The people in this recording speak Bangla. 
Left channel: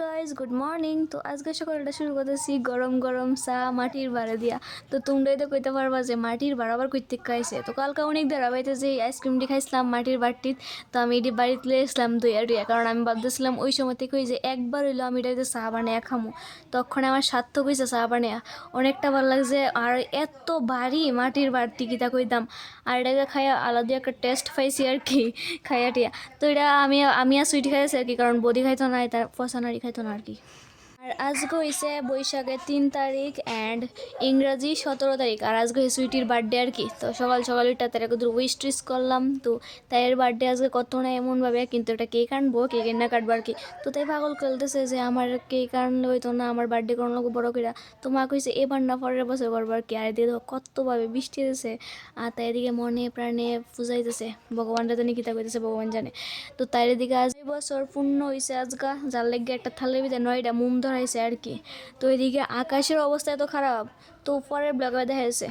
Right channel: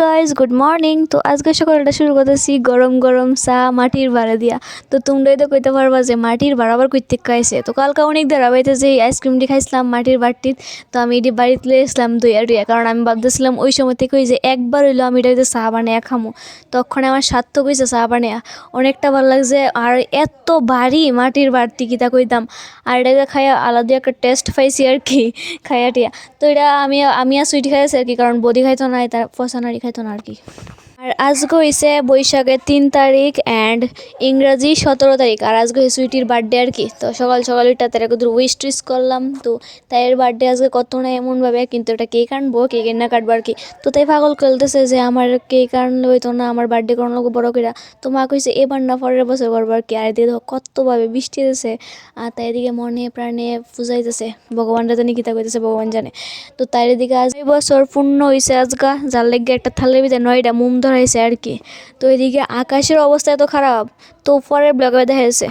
Guys good morning. তো আজকে সকালটা শুরু করতেছি গরম গরম চা মাটির ভাড়া দিয়া। তো তোমরাই তো কইতে পারবা যে মাটির ভাড়া আবার কইতে খাইছে। তো কালকে অনেক দেরা বাড়িতে যে আইসক্রিমটি খাইছিলাম মাটির বাড়তিত, তো আমি এটি বাড়িতে লিয়ে আসলাম দুইয়া টুইয়া, কারণ আমি ভাবতেছিলাম ওই সময় থেকে যে একবার হইলো আমি এটাতে চা বানিয়ে খামো। তখন আমার সার্থক হয়েছে চা বানিয়ে, অনেকটা ভালো লাগছে। আর এত ভারী মাটির বাড়তি কিতা কইতাম, আর এটাকে খাইয়া আলাদা একটা টেস্ট পাইছি আর কি খাইয়া টিয়া। তো এটা আমি আর সুইটি খাইছি আর কি, কারণ বদি খাইতো না, তার পছানারি খাইতো না আর কি। আর আজকে হয়েছে বৈশাখের 3 তারিখ অ্যান্ড ইংরাজি 17 তারিখ, আর আজকে সুইটির বার্থডে আর কি। তো সকাল সকাল ওইটা তার একটু উইশ টুইশ করলাম। তো তাই এর বার্থডে আজকে কত না এমনভাবে, কিন্তু এটা কেক আনবো, কেক না কাটবো আর কি। তো তাই পাগল খেলতেছে যে আমার কেক আনলে হইতো না, আমার বার্থডে কোনো লোক বড় করে। তো মা কইছে এবার না পরের বছর করবো আর কি। আর এদিকে দেখো কতভাবে বৃষ্টি দিতেছে, আর তাই এদিকে মনে প্রাণে পূজাইতেছে, ভগবানরা জানি কিতা কইতেছে ভগবান জানে। তো তাই এদিকে আজ এই বছর পূর্ণ হয়েছে আজকা, যার লেগে একটা থালের ভিতরে 9টা মোম ধরাইছে আর কি। তো এদিকে আকাশের অবস্থা এত খারাপ, তো পরের ব্লগে দেখা যাচ্ছে।